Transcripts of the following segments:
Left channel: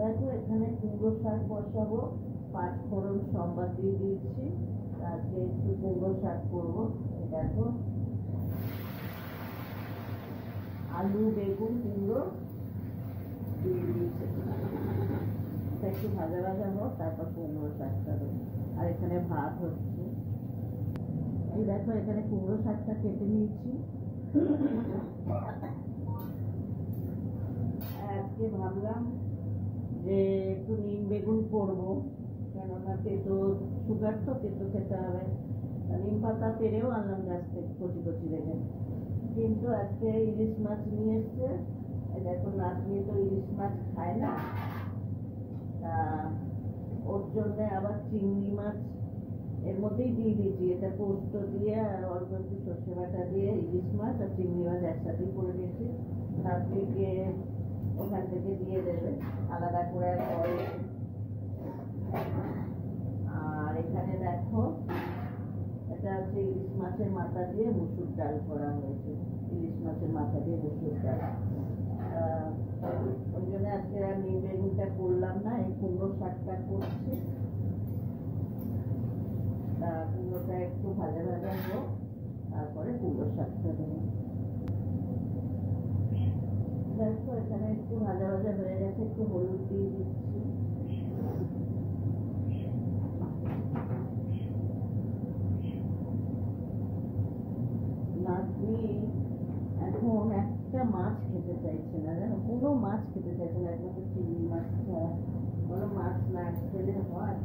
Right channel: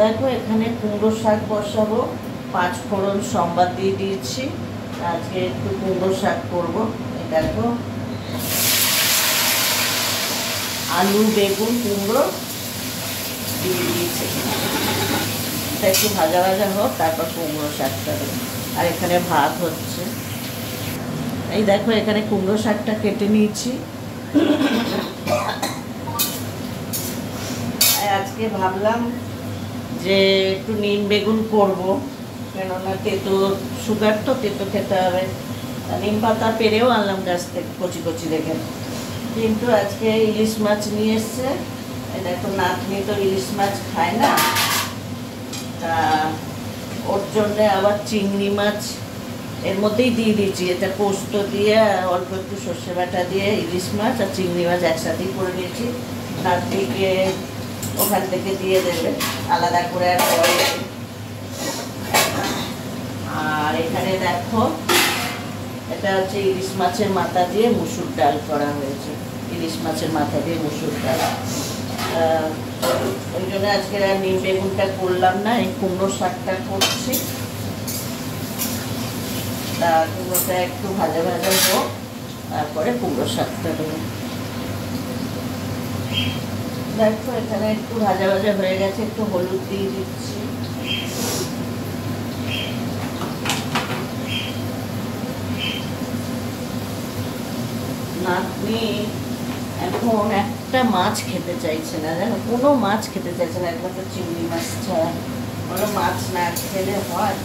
দেখো এখানে কুমড়ো শাক বসাবো, 5 ফোড়ন সম্বাদ দিয়ে দিয়েছি। আজকে একটু কুমড়ো শাক করবো। দেখো আলু বেগুন কুমড়ো দিয়ে দিয়েছি, এটা একটু ভাজা ভাজা হোক, তারপর কুমড়ো শাকটা দেবো। আর এখানে ভাত হচ্ছে। এই দেখো এখানে কুমড়ো শাকটা কেটে নিয়েছি। আজকে ভাবলাম যে একটু নিম বেগুন করবো, কেননা তেতো সুগার তো, তেতো খেতে হবে। নিম পাতা পেরেও আনলাম গাছ থেকে কচি কচি দেখে, কিন্তু আজকে ইলিশ মাছ নিয়ে এসছে। দেখো নাতনি তো ইলিশ মাছ খায় না, তা ওর জন্যে আবার চিংড়ি মাছ এর মধ্যেই দিয়ে দিয়েছি। এটা পোস্ত দিয়ে অল্প একটু সর্ষে বাটা দিয়ে ইলিশ মাছ আর চিংড়ি মাছ একসাথেই করে দিয়েছি। নাতনিকে ওখান থেকে দিয়ে দেবে আলাদা করে আর পরে। আর এখানে দেখো এটা হচ্ছে ইলিশ মাছের মাথা দিয়ে মুসুর ডাল করা হয়েছে। ইলিশ মাছের মাথা দিয়ে মুসুর ডাল, ওই জন্য আজকে আর নিম বেগুনটা করলাম না, এই কুমড়ো শাকটা করছি। তা কুমড়োটা একটু ভাজা ভাজা হোক, তারপরে কুমড়ো শাকটা দেবো। দেখো এখানে একটু ভাজা ভাজা হয়ে গেছে, একটু হলুদ দিয়ে দিচ্ছি। নাতনি এখন একটা মাছ খেতে চাইছে না, জানো, কোনো মাছ খেতে চাইছে না, একমাত্র চিংড়ি মাছ ছাড়া। কোনো মাছ না খেলে হয়?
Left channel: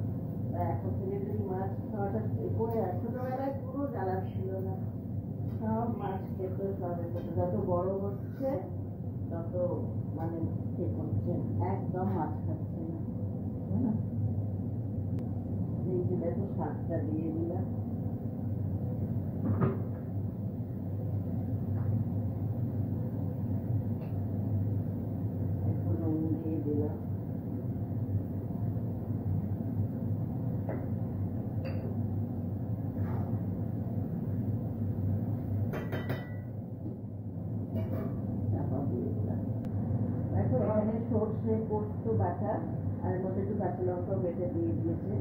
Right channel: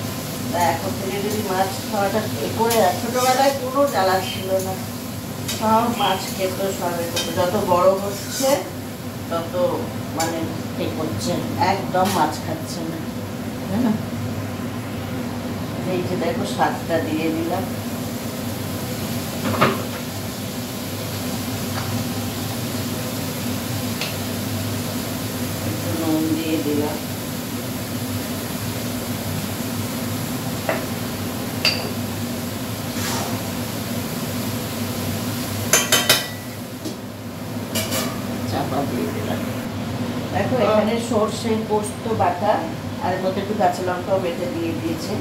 তা এখন থেকে যদি মাছ খাওয়াটা এ করে, ছোটোবেলায় কোনো জ্বালা ছিল না, সব মাছ খেত, সবে খেত। যত বড় হচ্ছে তত মানে ঠিক হচ্ছে, একদম মাছ খাচ্ছে না, হ্যাঁ। এই যে দেখো শাকটা দিয়ে দিলাম, একটু নুন দিয়ে দিলাম। চাপা দিয়ে দিলাম। দেখো এখানে সর্ষে পোস্ত বাটা আর এর মধ্যে একটু কাঁচা লঙ্কাও বেটে দিয়ে দিয়েছে,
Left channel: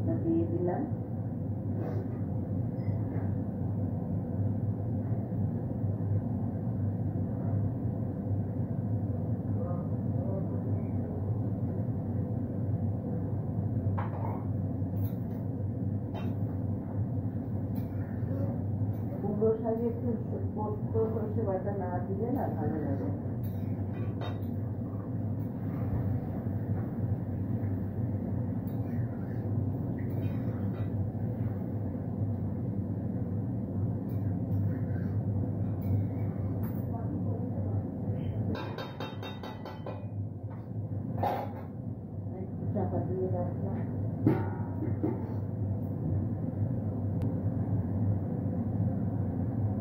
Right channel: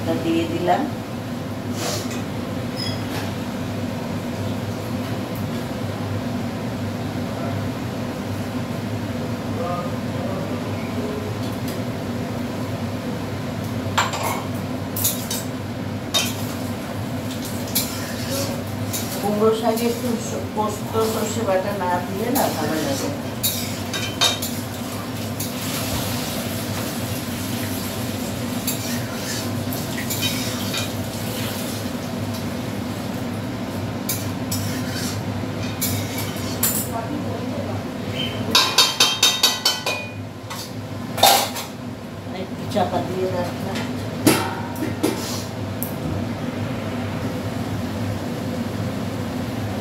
এটা দিয়ে দিলাম। কুমড়ো শাকে একটু পোস্ত সর্ষে বাটা না দিলে না ভালো লাগে। একটু চাপা দিয়ে রাখলাম।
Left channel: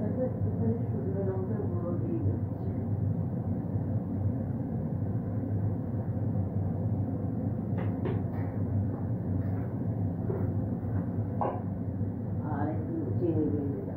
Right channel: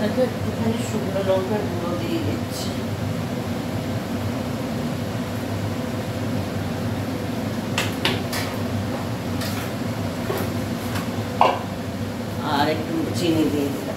একটুখানি শুকনো লঙ্কার গুঁড়ো দিয়ে দিচ্ছি। আর একটু চিনি দিয়ে দিলাম।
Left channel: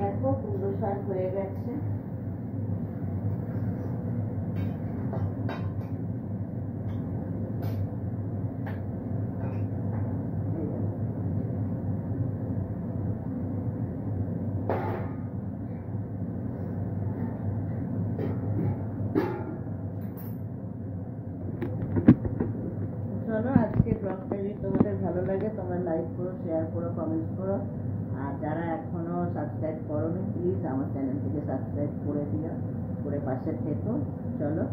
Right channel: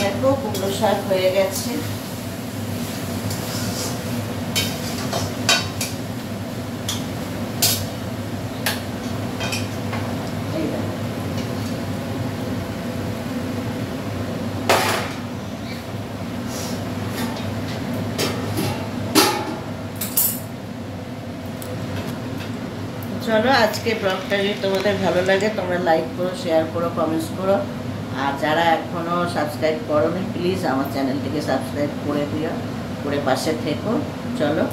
দেখো কুমড়ো শাক হয়ে গেছে। চলো আজকে ব্লগটা যদি তোমাদের ভালো লাগে তোমরা লাইক করো, শেয়ার করো, কমেন্টস করো। আর যারা এখনও সাবস্ক্রাইব করোনি প্লিজ আমার চ্যানেলটিকে সাবস্ক্রাইব করে দিও, করে পাশে থেকো। চলো।